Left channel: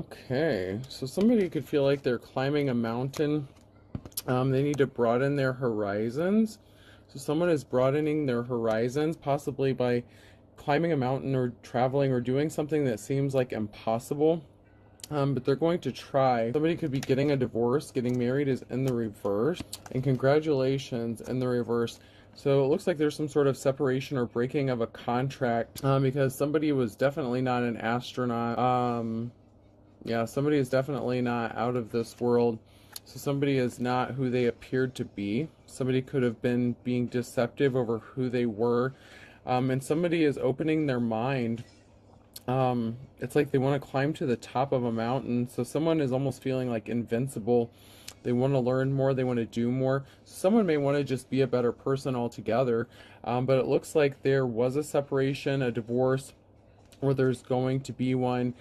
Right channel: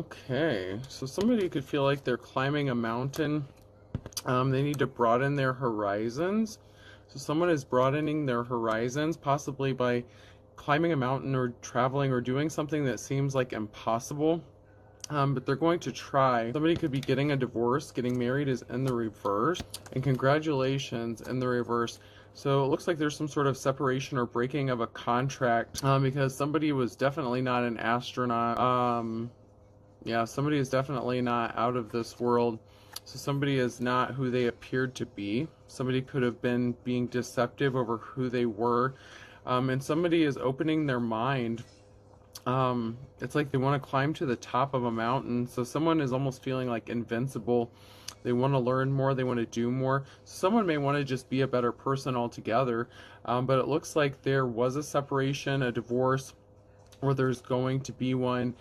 Okay, so somebody could feel like they're climbing a mountain. They need to broaden their horizons. So someone is broadening their horizons, possibly by climbing a mountain or traveling or doing something that seems like impossible. But they're going to try. Somebody could be getting a divorce. Getting married is in the reverse. And congratulations in the reverse. So it looks like there's some sort of separation or breaking of a contract, because somebody was definitely not an astronaut. Yeah, somebody is definitely not out of this world. So somebody is not who they appeared to be. Somebody could have been being deceptive over who they were. And somebody is opening their mind. It's like they want to climb to the top of a mountain. So someone is almost feeling like invincible. They want to learn more. They want to do more. Someone may want to just be a better person altogether. But it looks like there was a separation, a divorce, or there's going to be one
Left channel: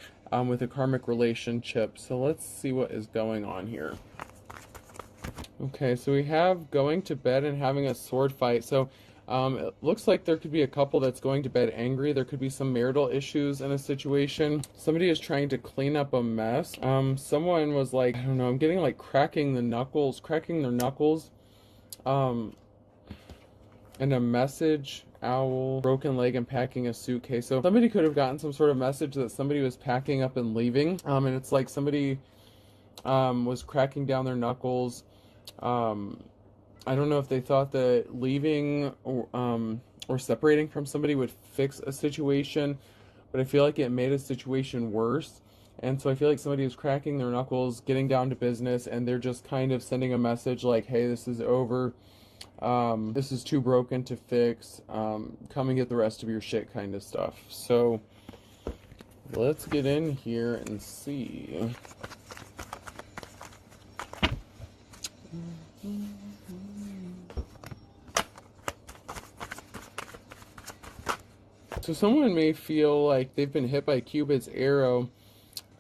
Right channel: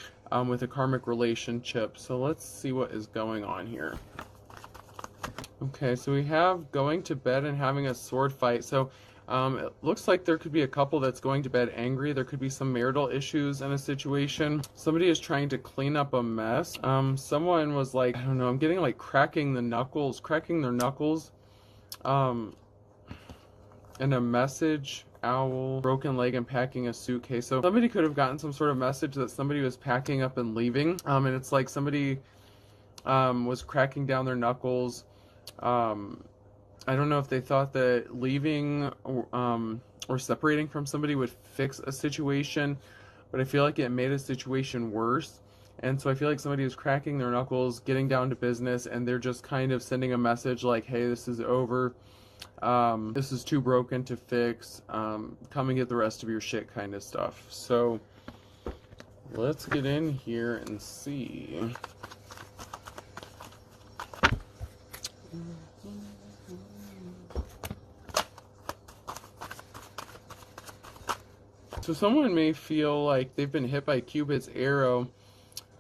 with a karmic relationship. So let's see what is going on here. Okay, so we have going to bed and having a sword fight. So it looks like there could be a couple that's going to bed angry. There could be some marital issues in a situation. Somebody is trying to clean up a mess. Someone was like, I don't know, I'm getting like cracking their knuckles. And a message, owl, broken leg, and packing a suitcase. So somebody could have gotten some sort of message that somebody was packing up and leaving. And it's like somebody was cracking down their knuckles. I don't know if they thought that leaving or separating from somebody would fix a situation, but I feel like it made a situation worse. And so I feel like somebody is cracking their knuckles, getting down to business, and they're just kind of sending a message like, hey, this is over. This is too broken to fix. Come and get the rest of your shit kind of stuff. So let's get in here and see. So someone may feel like they've been hit by Cupid's arrow.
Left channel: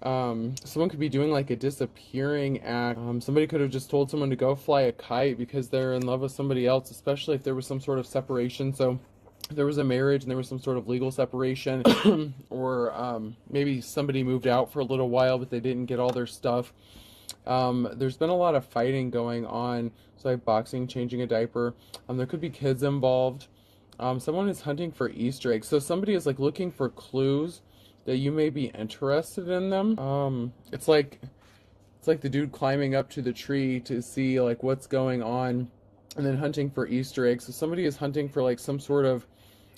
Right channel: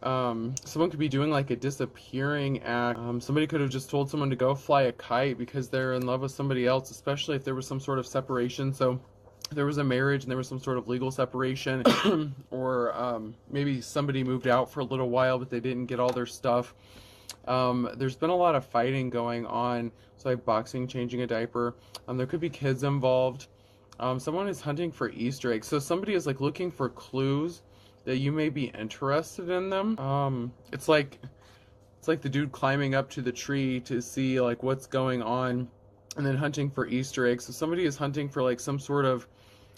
Someone could be doing like a disappearing act. Somebody could have just told someone to go fly a kite because they're in love with somebody else, especially if there was some sort of separation. So there was a marriage and there was some sort of legal separation, or maybe somebody moved out for a little while but they didn't get all their stuff. There's been a lot of fighting going on. So like boxing, changing a diaper. There could be kids involved. Someone is hunting for Easter eggs. So somebody is like looking for clues that you may be interested in them. It's like the dude climbing up to the tree to see like what's going on, and then hunting for Easter eggs. So somebody is hunting for like some sort of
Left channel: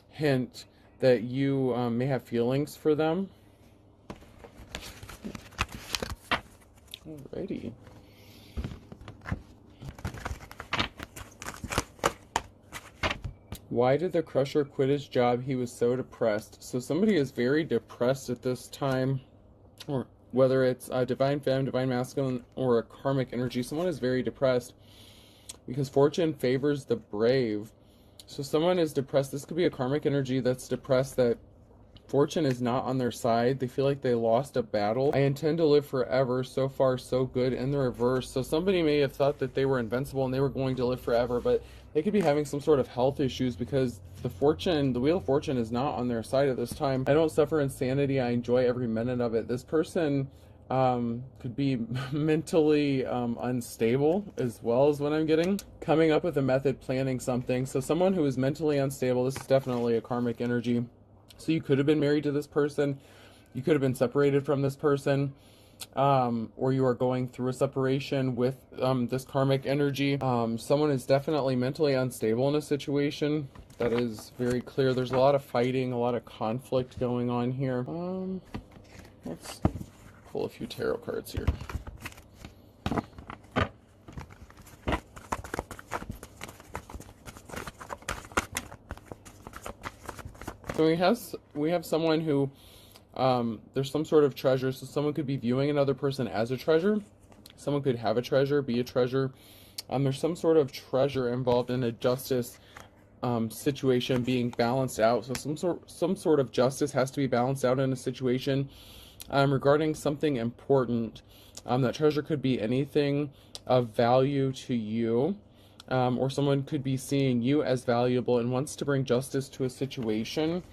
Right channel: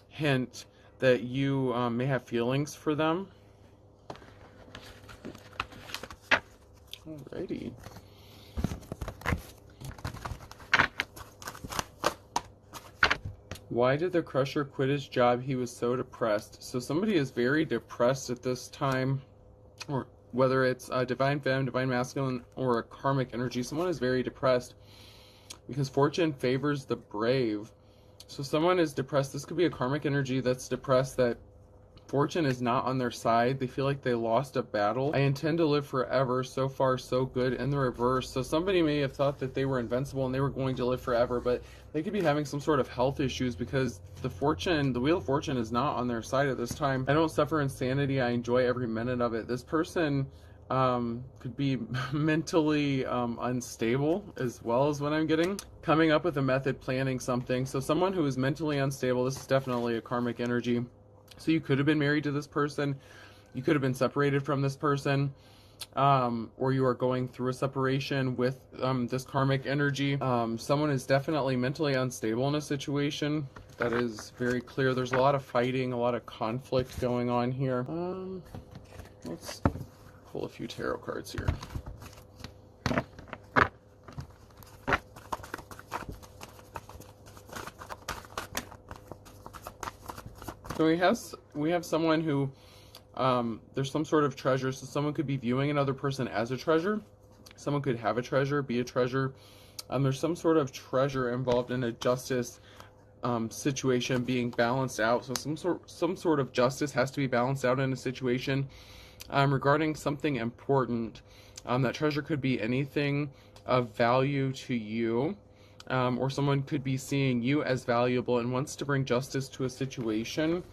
hint that you may have feelings for them. Alrighty. Why did the crusher quit his job? He was so depressed. So somebody is very depressed at this time, or whether it's divine femme, divine masculine, or a karmic energy. Someone is very depressed because fortune favors the brave. So someone is depressed. This could be a karmic energy that's depressed that fortune is not on their side. They feel like they lost a battle. I intend to live forever. So far, so good. In the reverse. So somebody may have thought that they were invincible and they were going to live forever, but they could be having some sort of health issues because the wheel of fortune is not on their side at this time. I don't suffer insanity. I enjoy every minute of it. This person could be mentally unstable as well as what I'm getting. Coming up with a method, planning something. So someone who is mentally unstable, this is definitely a karmic energy. So you could have been married to this person, you could have been separated from this person, or you are going through a separation with this karmic energy. Someone is definitely mentally unstable in a situation. That is very clear. There's a lot of fighting, a lot of conflict going on here. Let's pull a few tarot cards here. So we have someone who, there's some sort of treasure. So someone could be viewing another person as a treasure. Someone could have a treasure, be a treasure. There's some sort of treasure involved in a justice situation being balanced out. So some sort of justice has to be balanced out in a situation regarding something important. That treasure could be anything of value to you. Or someone could be seeing you as valuable and wants to bring justice to a situation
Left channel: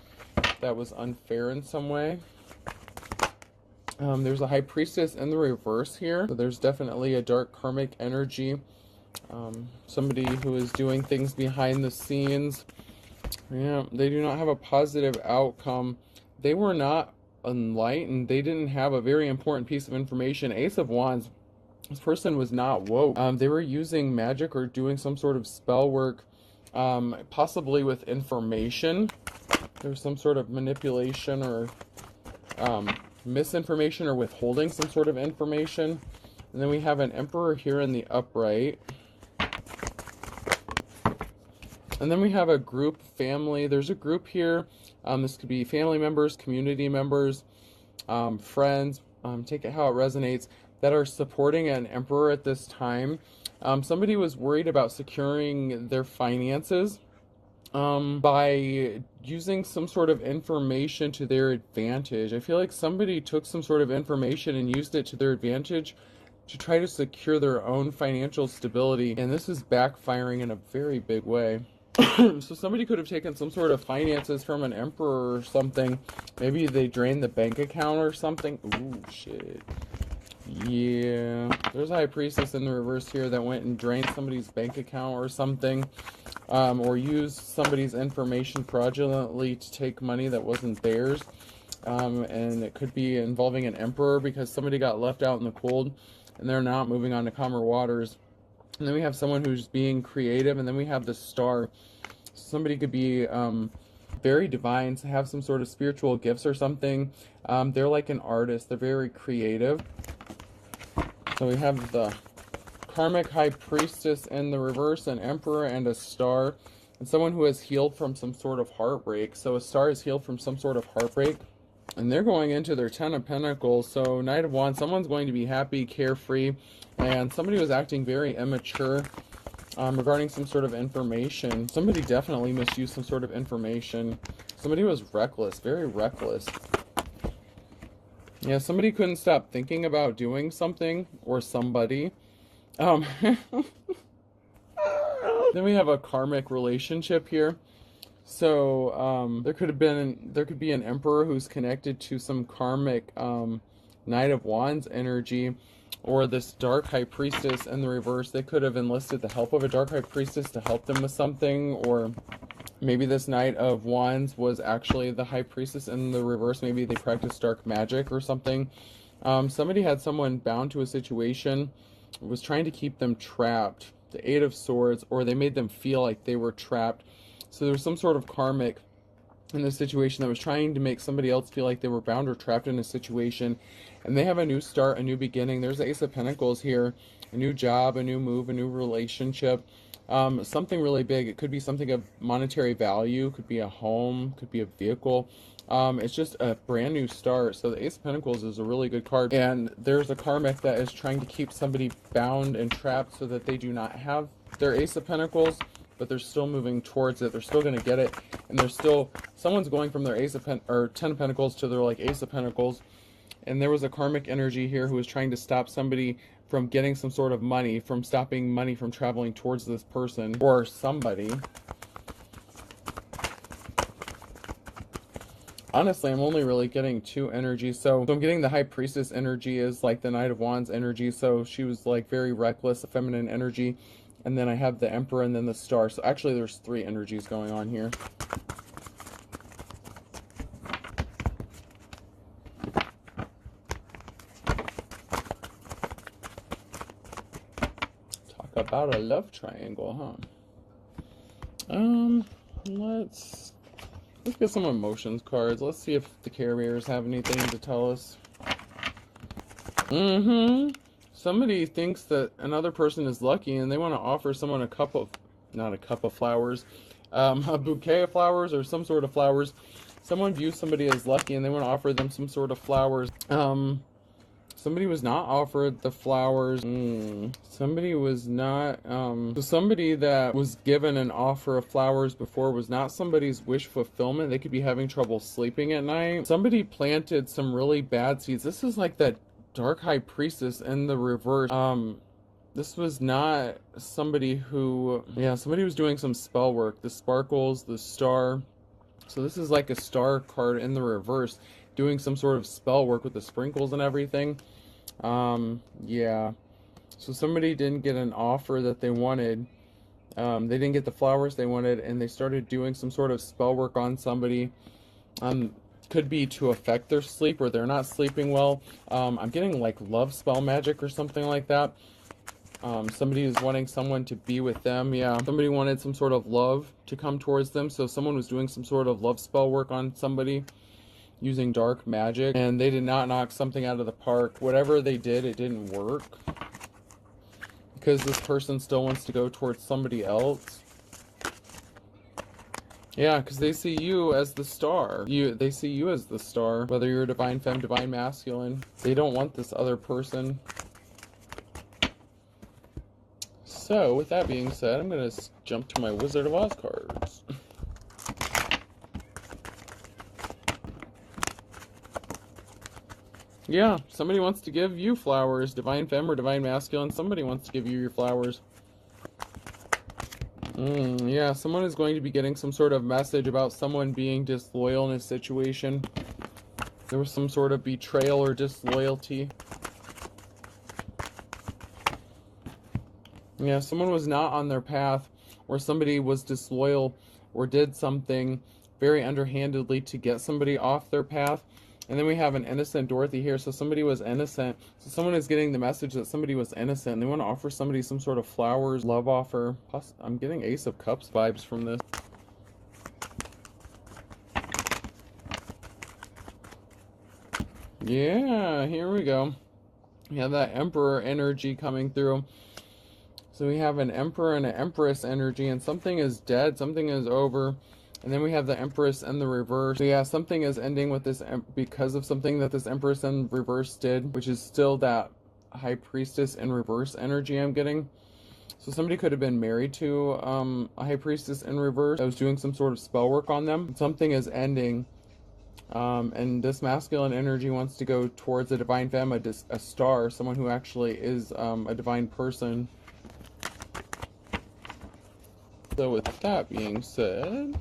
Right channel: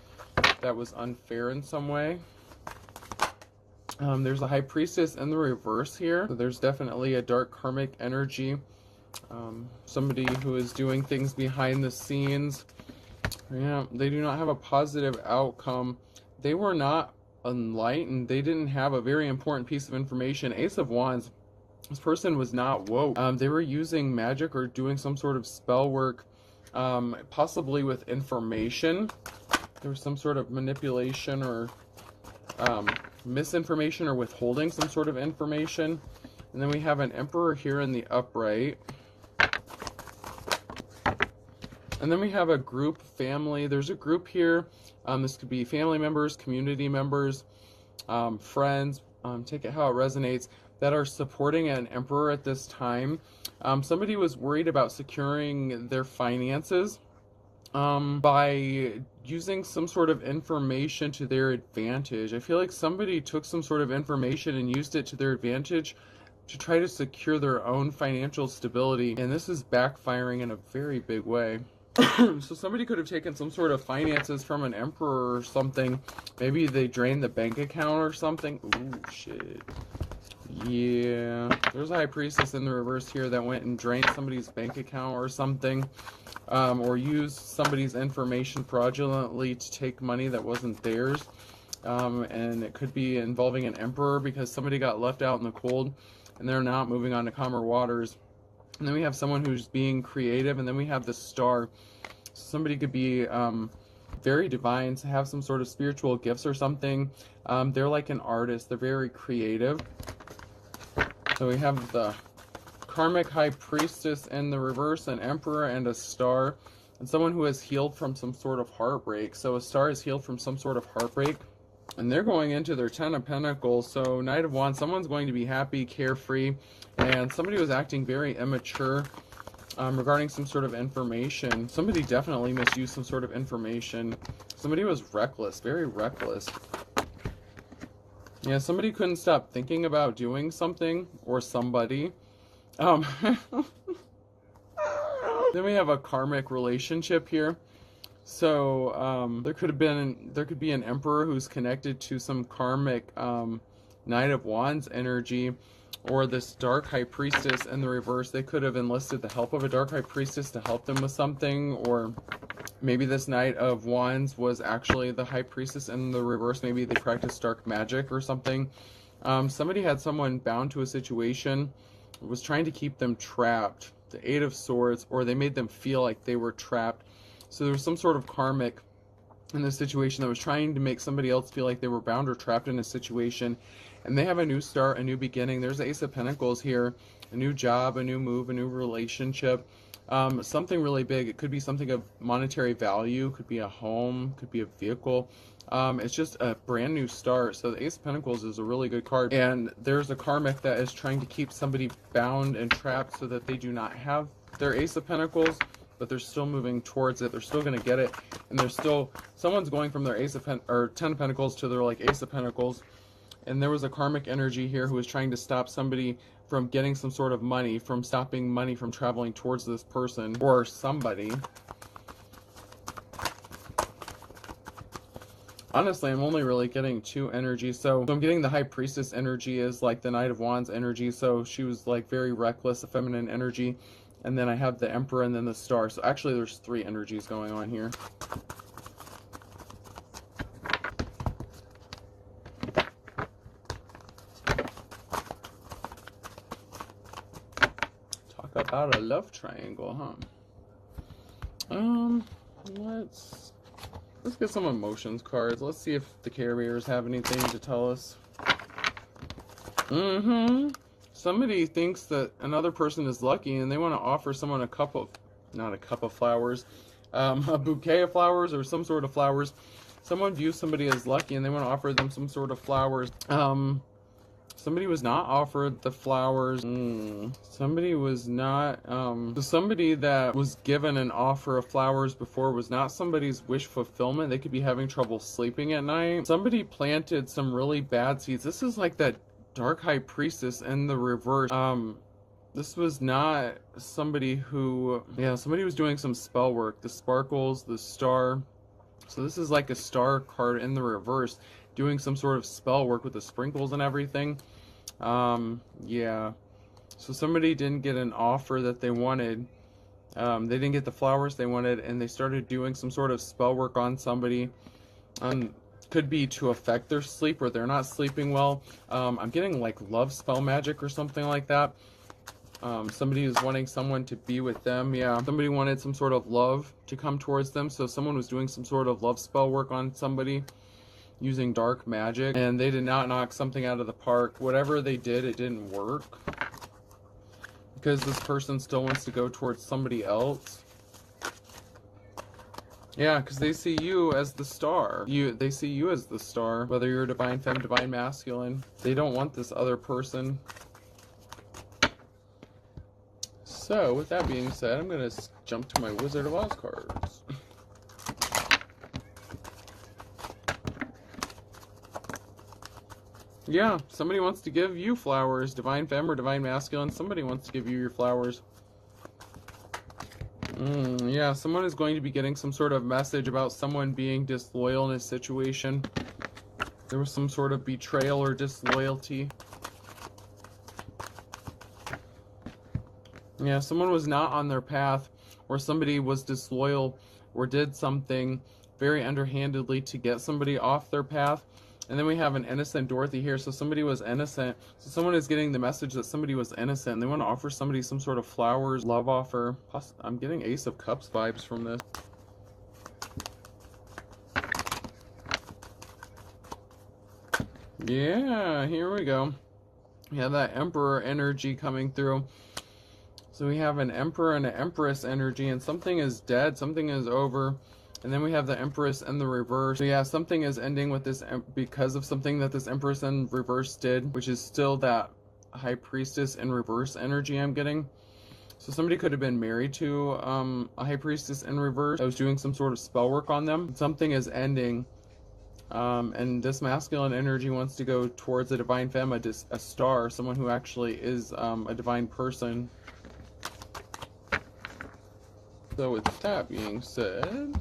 that was unfair in some way. There's a high priestess in the reverse here. So there's definitely a dark karmic energy. Somebody who is doing things behind the scenes. Yeah, they do not have a positive outcome. They were not enlightened. They didn't have a very important piece of information. Ace of Wands. This person was not woke. They were using magic or doing some sort of spell work, possibly with information. There was some sort of manipulation or misinformation or withholding some sort of information. And then we have an Emperor here in the upright. And then we have a group, family. There's a group here. This could be family members, community members, friends. Take it how it resonates, that are supporting an Emperor at this time. Somebody was worried about securing their finances by using some sort of information to their advantage. I feel like somebody took some sort of information and used it to their advantage to try to secure their own financial stability. And this is backfiring in a very big way. So somebody could have taken some sort of finances from an Emperor or something. Maybe they drained the bank account or something. Ooh, shit. Yeah. There's a high priestess in the reverse here that went and drained somebody's bank account or something. Or used somebody's information fraudulently to take money that wasn't theirs. And it could be involving an Emperor because somebody got left out in the cold and they're not moving on to calmer waters. And then we have someone who's being creative, and then we have the Star. Somebody could be very divine, to have some sort of spiritual gifts or something. They're like an artist. They're very creative. So we have the karmic high priestess in the reverse, an Emperor, and a Star. And someone who has healed from some sort of heartbreak. So a Star is healed from some sort of heartbreak. And they're going into their 10 of Pentacles. So Knight of Wands, someone's going to be happy, carefree. And somebody was acting very immature regarding some sort of information. Somebody definitely misused some sort of information. Somebody was reckless, very reckless. Yeah, somebody couldn't stop thinking about doing something or somebody. Then we have a karmic relationship here. So there could be an Emperor who's connected to some karmic Knight of Wands energy, or this dark high priestess in the reverse. They could have enlisted the help of a dark high priestess to help them with something, or maybe this Knight of Wands was actually the high priestess in the reverse. Maybe they practiced dark magic or something. Somebody had someone bound to a situation, was trying to keep them trapped. The Eight of Swords, or they made them feel like they were trapped. So there's some sort of karmic in this situation that was trying to make somebody else feel like they were bound or trapped in a situation. And they have a new start, a new beginning. There's Ace of Pentacles here. A new job, a new move, a new relationship. Something really big. It could be something of monetary value. Could be a home. Could be a vehicle. It's just a brand new start. So the Ace of Pentacles is a really good card. And there's a karmic that is trying to keep somebody bound and trapped so that they do not have their Ace of Pentacles, but they're still moving towards it. They're still going to get it. And there's still, someone's going from their Ace of or 10 of Pentacles to their like Ace of Pentacles. And there was a karmic energy here who was trying to stop somebody from getting some sort of money, from stopping money from traveling towards this person or somebody. Honestly, I'm only really getting two energies. So I'm getting the high priestess energy is like the Knight of Wands energy. So she was like very reckless, feminine energy. And then I have the Emperor and then the Star. So actually there's three energies going on here. Talk about a love triangle, huh? Let's get some emotions cards. Let's see if the carriers have anything to tell us. Somebody thinks that another person is lucky and they want to offer someone a cup of, not a cup of flowers, a bouquet of flowers or some sort of flowers. Someone views somebody as lucky and they want to offer them some sort of flowers. Somebody was not offered the flowers. Somebody was not, somebody that was given an offer of flowers before was not somebody's wish fulfillment. They could be having trouble sleeping at night. Somebody planted some really bad seeds. This is like that dark high priestess in the reverse. This was not somebody who, yeah, somebody was doing some spell work. The sparkles, the Star. So this is like a Star card in the reverse. doing some sort of spell work with the sprinkles and everything. Yeah. So somebody didn't get an offer that they wanted. They didn't get the flowers they wanted, and they started doing some sort of spell work on somebody. Could be to affect their sleep, or they're not sleeping well. I'm getting like love spell magic or something like that. Somebody is wanting someone to be with them. Yeah, somebody wanted some sort of love to come towards them. So someone was doing some sort of love spell work on somebody using dark magic, and they did not knock something out of the park. Whatever they did, it didn't work, because this person still wants to go towards somebody else. Yeah, because they see you as the star. They see you as the star, whether you're divine femme, divine masculine. They don't want this other person. So, with that being said, I'm going to jump to my Wizard of Oz cards. Yeah, somebody wants to give you flowers, divine femme or divine masculine. Somebody wants to give you your flowers. Yeah, someone is going to be getting some sort of message about someone being disloyal in a situation. There was some sort of betrayal or disloyalty. Yeah, someone was not on their path, or somebody was disloyal or did something very underhandedly to get somebody off their path. And then we have an innocent Dorothy here, so somebody was innocent. So someone is getting the message that somebody was innocent, and they want to offer somebody some sort of flowers, love offer. Plus, I'm getting Ace of Cups vibes from this. Yeah, here we go. We have that Emperor energy coming through. So we have an Emperor and an Empress energy, and something is dead, something is over. And then we have the Empress in the reverse. So yeah, something is ending with this because of something that this Empress in reverse did, which is still that High Priestess in reverse energy I'm getting. So somebody could have been married to a High Priestess in reverse that was doing some sort of spell work on them. Something is ending. And this masculine energy wants to go towards a divine femme, a star, someone who actually is a divine person. So with that being said,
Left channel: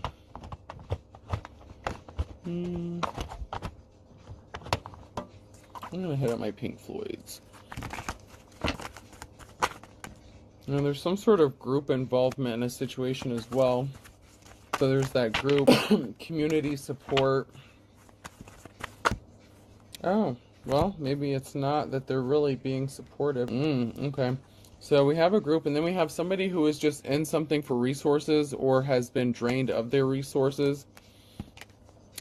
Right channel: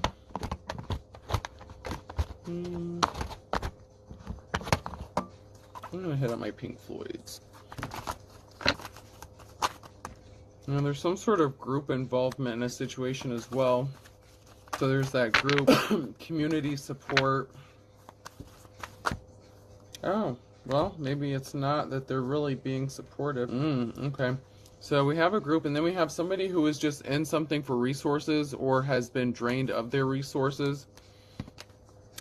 I'm gonna hit up my Pink Floyds. Now there's some sort of group involvement in a situation as well. So there's that group, community support. Oh, well, maybe it's not that they're really being supported. Okay. So we have a group, and then we have somebody who is just in something for resources or has been drained of their resources.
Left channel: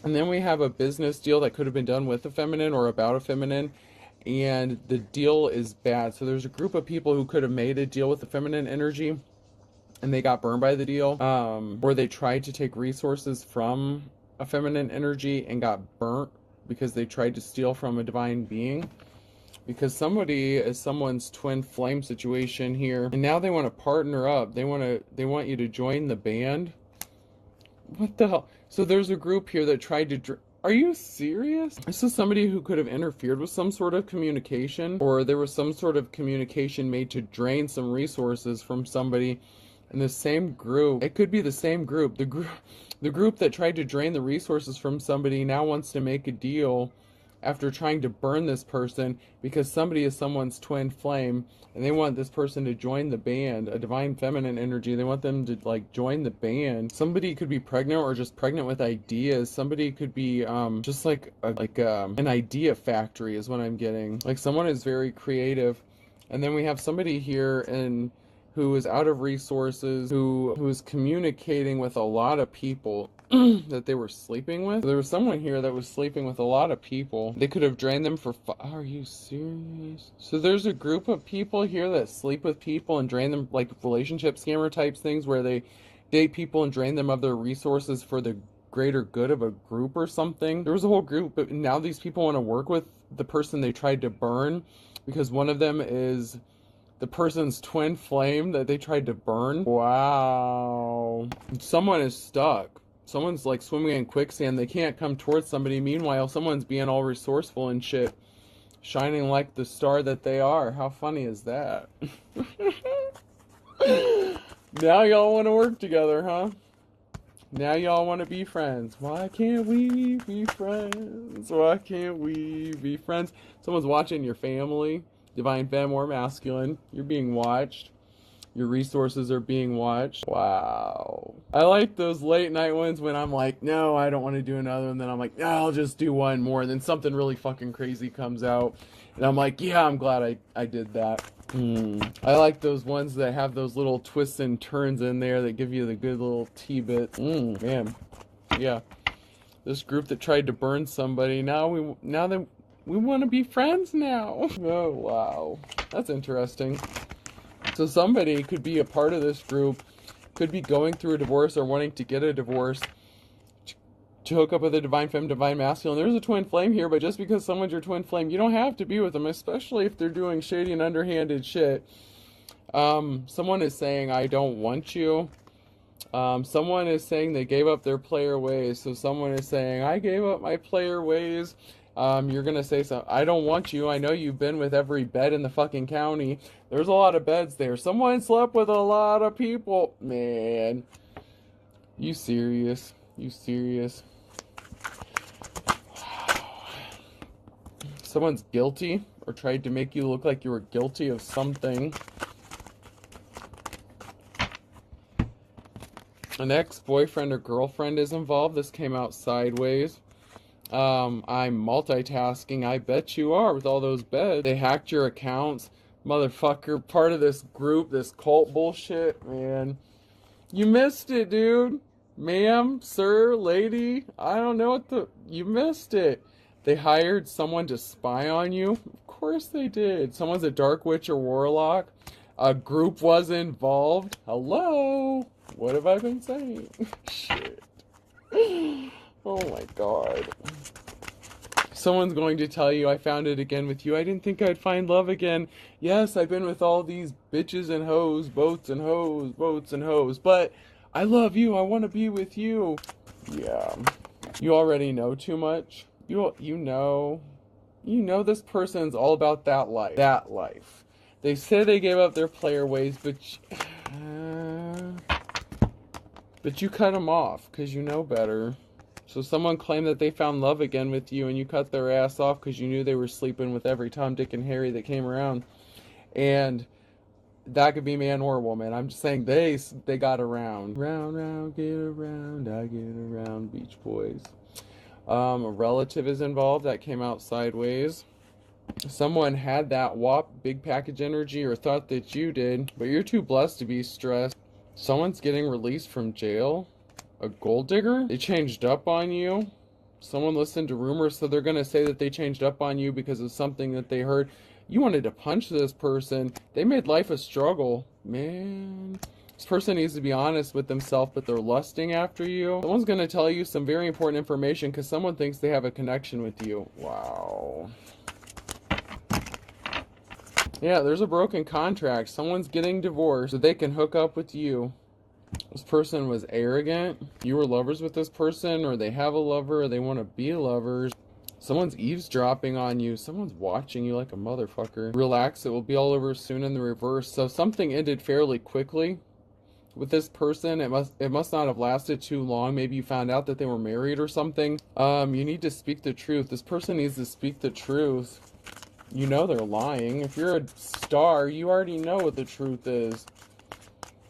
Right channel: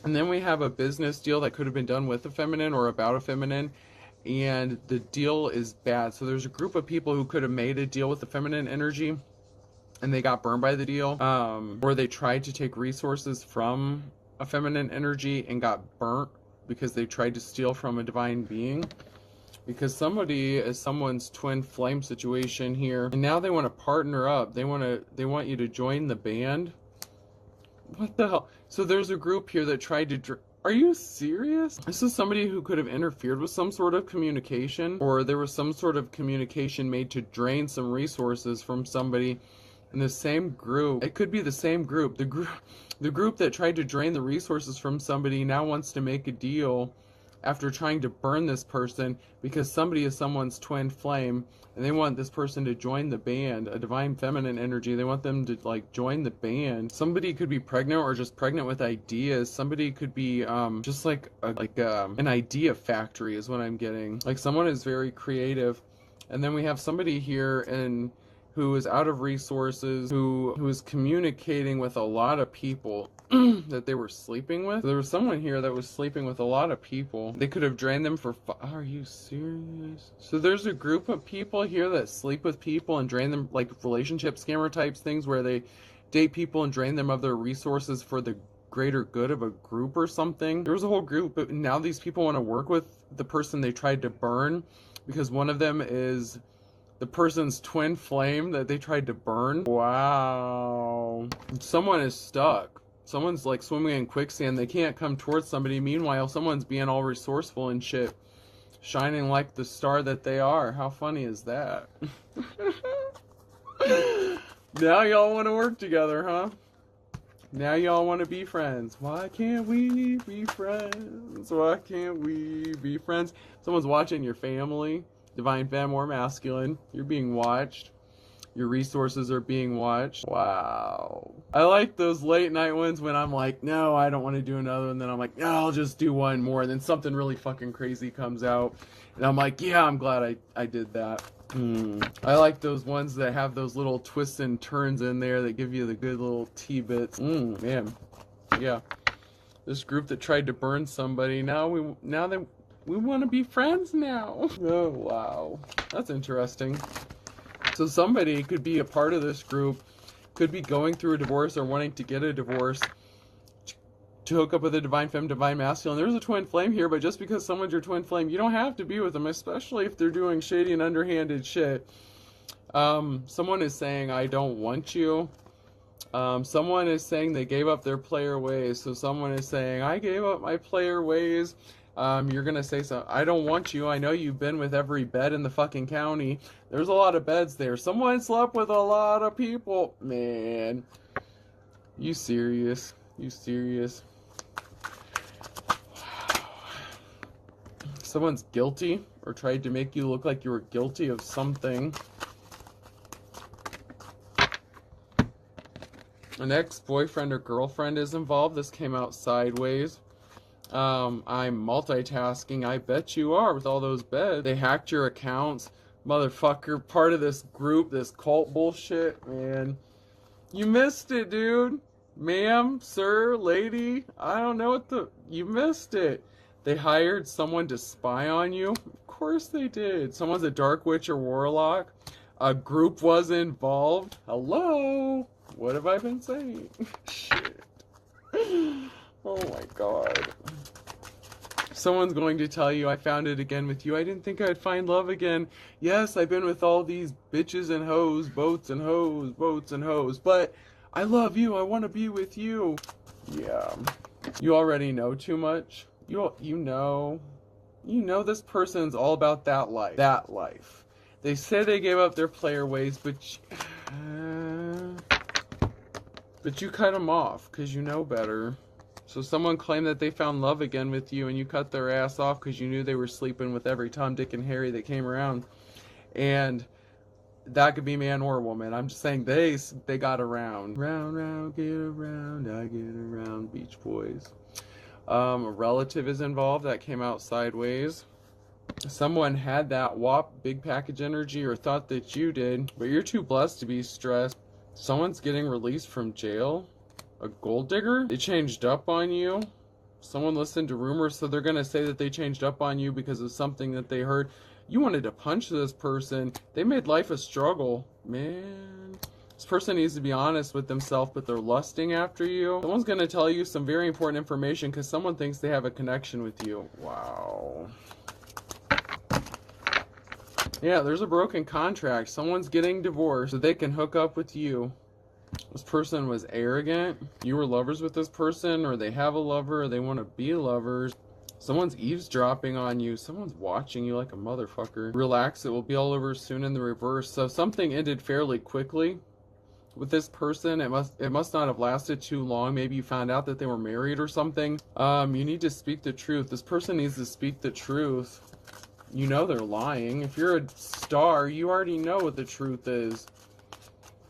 And then we have a business deal that could have been done with a feminine or about a feminine, and the deal is bad. So there's a group of people who could have made a deal with the feminine energy, and they got burned by the deal. Or they tried to take resources from a feminine energy and got burnt because they tried to steal from a divine being. Because somebody is someone's twin flame situation here, and now they want to partner up. They want you to join the band. What the hell? So there's a group here that tried to... Are you serious? This is somebody who could have interfered with some sort of communication, or there was some sort of communication made to drain some resources from somebody in the same group. It could be the same group. The group that tried to drain the resources from somebody now wants to make a deal after trying to burn this person because somebody is someone's twin flame, and they want this person to join the band, a divine feminine energy. They want them to like join the band. Somebody could be pregnant or just pregnant with ideas. Somebody could be just like an idea factory is what I'm getting. Like someone is very creative. And then we have somebody here who is out of resources, who is communicating with a lot of people that they were sleeping with. There was someone here that was sleeping with a lot of people. They could have drained them for are you serious? So there's a group of people here that sleep with people and drain them, like relationship scammer types things where they date people and drain them of their resources for the greater good of a group or something. There was a whole group, but now these people want to work with the person they tried to burn because one of them is the person's twin flame that they tried to burn. Wow. Someone is stuck. Someone's like swimming in quicksand. They can't come towards somebody. Meanwhile, someone's being all resourceful and shit. Shining like the star that they are. How funny is that? Now y'all want to work together, huh? Now y'all want to be friends. Why can't we be friends? Why can't we be friends? Someone's watching your family. Divine femme or masculine. You're being watched. Your resources are being watched. Wow. I like those late night ones when I'm like, no, I don't want to do another. And then I'm like, no, I'll just do one more. And then something really fucking crazy comes out. And I'm like, yeah, I'm glad I did that. I like those ones that have those little twists and turns in there that give you the good little T-bits. Man. Yeah. This group that tried to burn somebody, now we want to be friends now. Oh, wow. That's interesting. So somebody could be a part of this group, could be going through a divorce or wanting to get a divorce to hook up with a divine femme, divine masculine. There's a twin flame here, but just because someone's your twin flame, you don't have to be with them, especially if they're doing shady and underhanded shit. Someone is saying, I don't want you. Someone is saying they gave up their player ways. So someone is saying, I gave up my player ways. You're going to say something. I don't want you. I know you've been with every bed in the fucking county. There's a lot of beds there. Someone slept with a lot of people. Man. You serious? You serious? Someone's guilty or tried to make you look like you were guilty of something. An ex-boyfriend or girlfriend is involved. This came out sideways. I'm multitasking. I bet you are with all those beds. They hacked your accounts. Motherfucker, part of this group, this cult bullshit, man. You missed it, dude. Ma'am, sir, lady. I don't know what you missed it. They hired someone to spy on you. Of course they did. Someone's a dark witch or warlock. A group was involved. Hello? What have I been saying? Shit. Oh my god. Someone's going to tell you, I found it again with you. I didn't think I'd find love again. Yes, I've been with all these bitches and hoes, boats and hoes, boats and hoes. But I love you. I want to be with you. Yeah. You already know too much. You know this person's all about that life. That life. They say they gave up their player ways, but you cut them off because you know better. So someone claimed that they found love again with you and you cut their ass off because you knew they were sleeping with every Tom, Dick, and Harry that came around. And that could be man or woman. I'm just saying they got around. Round, round, get around, I get around, Beach Boys. A relative is involved. That came out sideways. Someone had that WAP big package energy or thought that you did, but you're too blessed to be stressed. Someone's getting released from jail. A gold digger? They changed up on you. Someone listened to rumors, so they're going to say that they changed up on you because of something that they heard. You wanted to punch this person. They made life a struggle. Man. This person needs to be honest with themselves, but they're lusting after you. Someone's going to tell you some very important information because someone thinks they have a connection with you. Wow. Yeah, there's a broken contract. Someone's getting divorced so they can hook up with you. This person was arrogant. You were lovers with this person, or they have a lover, or they want to be lovers. Someone's eavesdropping on you. Someone's watching you like a motherfucker. Relax, it will be all over soon in the reverse. So something ended fairly quickly with this person. It must not have lasted too long. Maybe you found out that they were married or something. You need to speak the truth. This person needs to speak the truth. You know they're lying. If you're a star, you already know what the truth is.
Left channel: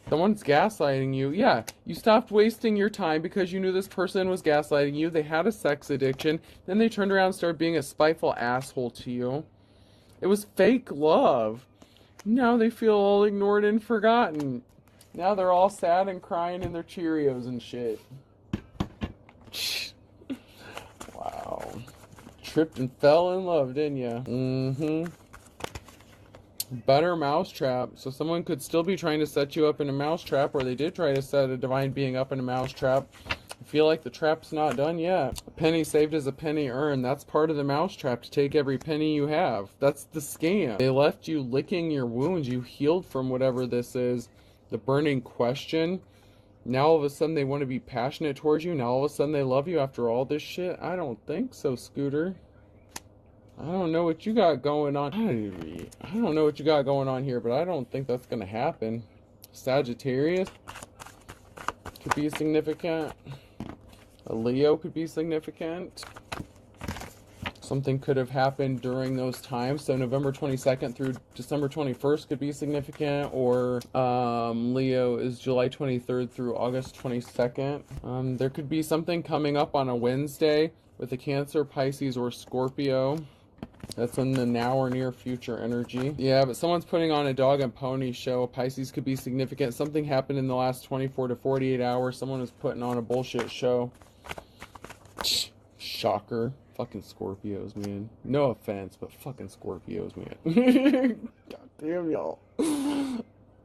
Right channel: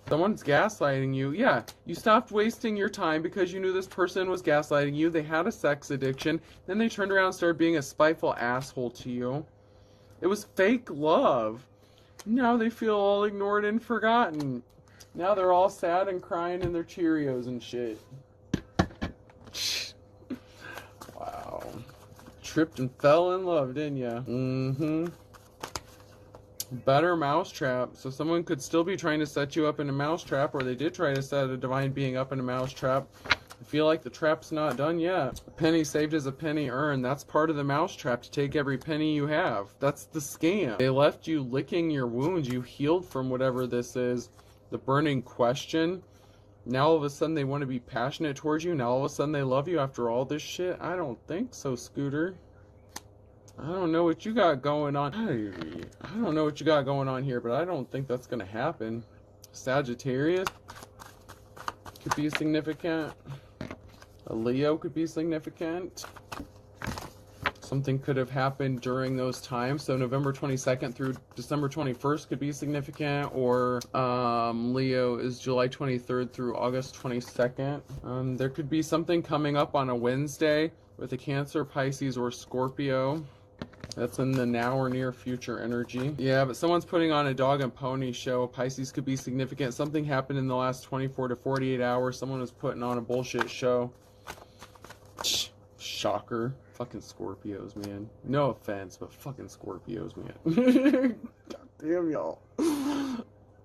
Someone's gaslighting you. Yeah, you stopped wasting your time because you knew this person was gaslighting you. They had a sex addiction. Then they turned around and started being a spiteful asshole to you. It was fake love. Now they feel all ignored and forgotten. Now they're all sad and crying in their Cheerios and shit. Wow. Tripped and fell in love, didn't ya? Mm-hmm. Better mousetrap. So someone could still be trying to set you up in a mousetrap, or they did try to set a divine being up in a mousetrap. I feel like the trap's not done yet. A penny saved is a penny earned. That's part of the mousetrap, to take every penny you have. That's the scam. They left you licking your wounds. You healed from whatever this is. The burning question. Now all of a sudden they want to be passionate towards you. Now all of a sudden they love you after all this shit. I don't think so, Scooter. I don't know what you got going on. I don't know what you got going on here, but I don't think that's going to happen. Sagittarius could be significant. A Leo could be significant. Something could have happened during those times. So November 22nd through December 21st could be significant, or Leo is July 23rd through August 22nd. There could be something coming up on a Wednesday with a Cancer, Pisces, or Scorpio. That's in the now or near future energy. Yeah, but someone's putting on a dog and pony show. Pisces could be significant. Something happened in the last 24 to 48 hours. Someone was putting on a bullshit show. Shocker. Fucking Scorpios, man. No offense, but fucking Scorpios, man. God damn y'all.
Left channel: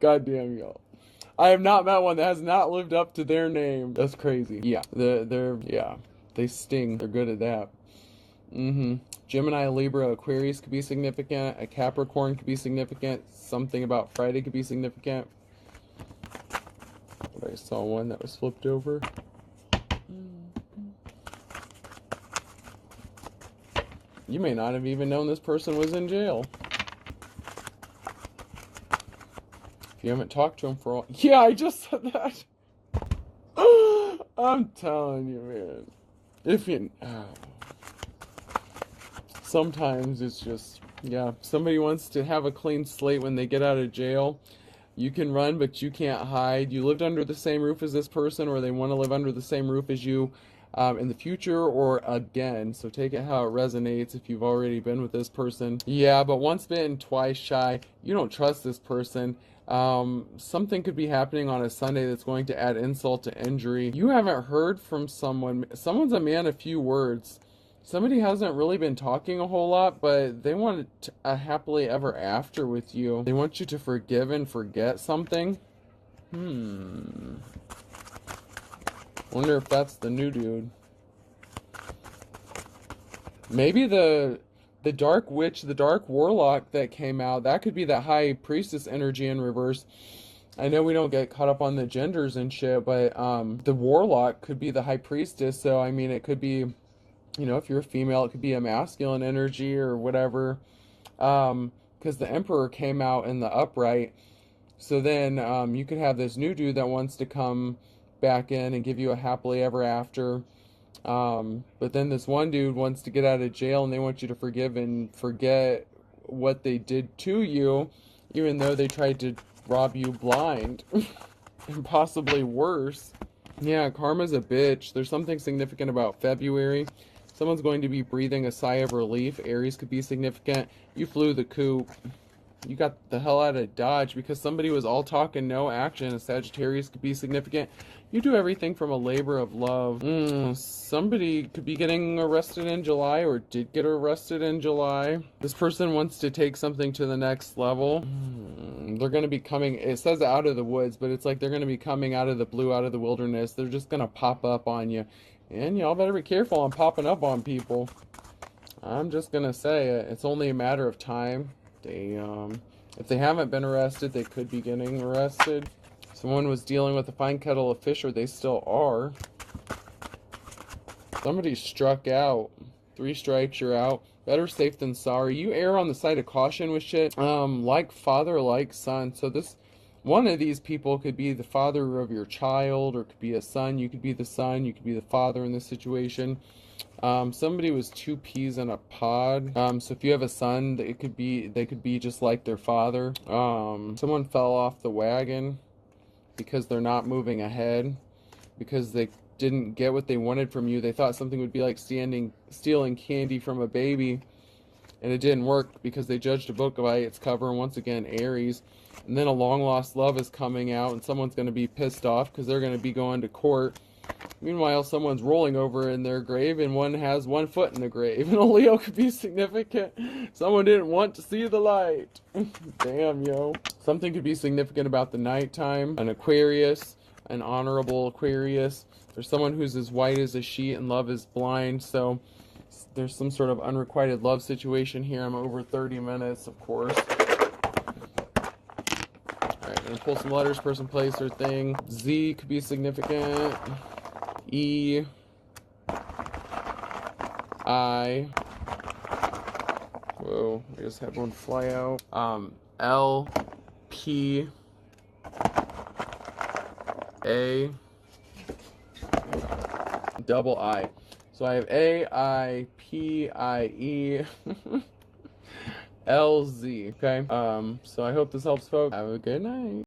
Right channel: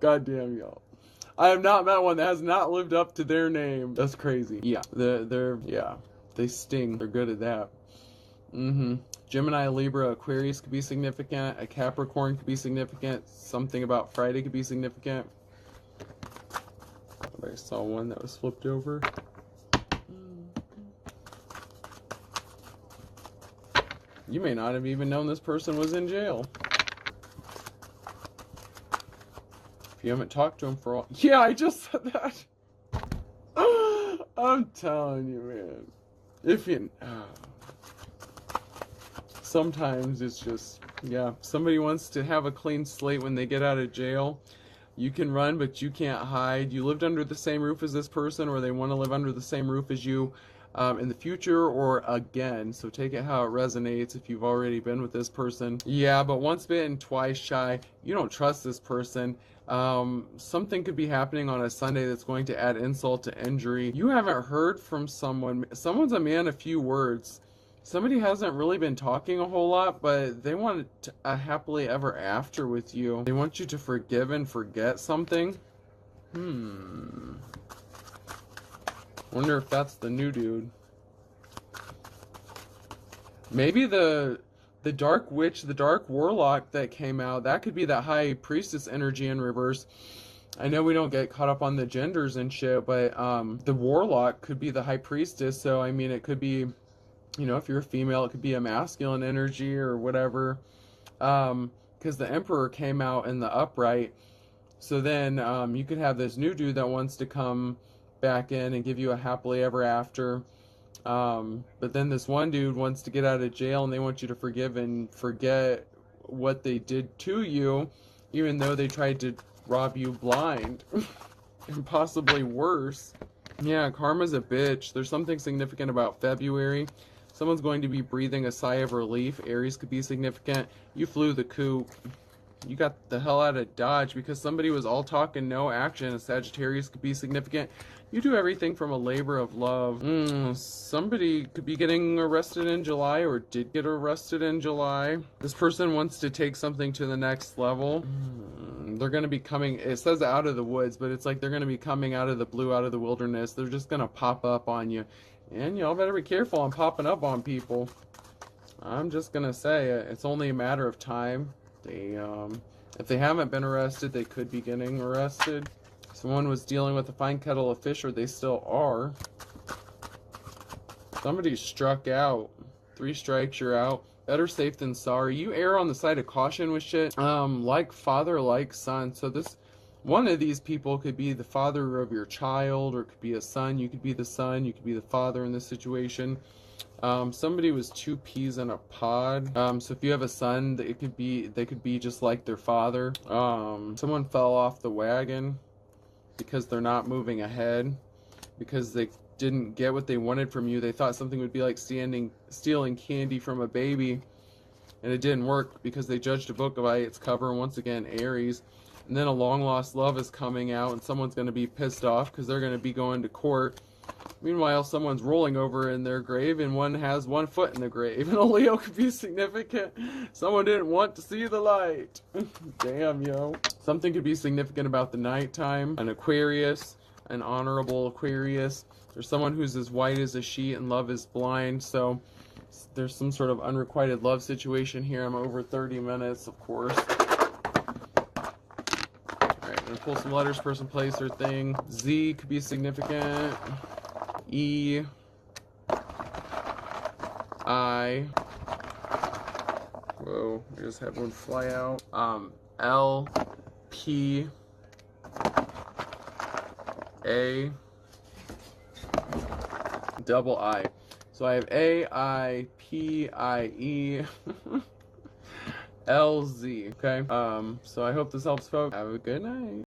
God damn y'all. I have not met one that has not lived up to their name. That's crazy. Yeah. Yeah. They sting. They're good at that. Gemini, Libra, Aquarius could be significant. A Capricorn could be significant. Something about Friday could be significant. I saw one that was flipped over. You may not have even known this person was in jail. If you haven't talked to him for all... Yeah, I just said that. I'm telling you, man. If you... Sometimes it's just... Yeah, if somebody wants to have a clean slate when they get out of jail, you can run, but you can't hide. You lived under the same roof as this person, or they want to live under the same roof as you. In the future or again, so take it how it resonates. If you've already been with this person, yeah, but once bitten, twice shy. You don't trust this person. Something could be happening on a Sunday that's going to add insult to injury. You haven't heard from someone. Someone's a man of few words. Somebody hasn't really been talking a whole lot, but they want a happily ever after with you. They want you to forgive and forget something. Wonder if that's the new dude. Maybe the dark witch, the dark warlock that came out, that could be that high priestess energy in reverse. I know we don't get caught up on the genders and shit, but the warlock could be the high priestess. So I mean, it could be, you know, if you're a female, it could be a masculine energy or whatever. Because the emperor came out in the upright. So then you could have this new dude that wants to come back in and give you a happily ever after, but then this one dude wants to get out of jail and they want you to forgive and forget what they did to you, even though they tried to rob you blind. And possibly worse. Yeah, karma's a bitch. There's something significant about February. Someone's going to be breathing a sigh of relief. Aries could be significant. You flew the coop. You got the hell out of Dodge because somebody was all talk and no action. Sagittarius could be significant. You do everything from a labor of love. Somebody could be getting arrested in July or did get arrested in July. This person wants to take something to the next level. They're going to be coming, it says out of the woods, but it's like they're going to be coming out of the blue, out of the wilderness. They're just going to pop up on you. And y'all better be careful on popping up on people. I'm just going to say, it's only a matter of time. If they haven't been arrested, they could be getting arrested. Someone was dealing with a fine kettle of fish, or they still are. Somebody struck out. 3 strikes, you're out. Better safe than sorry. You err on the side of caution with shit. Like father, like son. So one of these people could be the father of your child, or could be a son. You could be the son. You could be the father in this situation. Somebody was 2 peas in a pod. So if you have a son, they could be just like their father. Someone fell off the wagon because they're not moving ahead, because they didn't get what they wanted from you. They thought something would be like stealing candy from a baby, and it didn't work because they judged a book by its cover. And once again, Aries. And then a long lost love is coming out, and someone's going to be pissed off because they're going to be going to court. Meanwhile, someone's rolling over in their grave, and one has 1 foot in the grave. And a Leo could be significant. Someone didn't want to see the light. Damn, yo. Something could be significant about the nighttime. An Aquarius, an honorable Aquarius. There's someone who's as white as a sheet and love is blind. So there's some sort of unrequited love situation here. I'm over 30 minutes, of course. Alright, gonna pull some letters, person, place, or thing. Z could be significant. E, I, whoa, I just had one fly out. L, P, A, double I. So I have A-I-P-I-E L-Z. Okay. So I hope this helps, folks. Have a good night.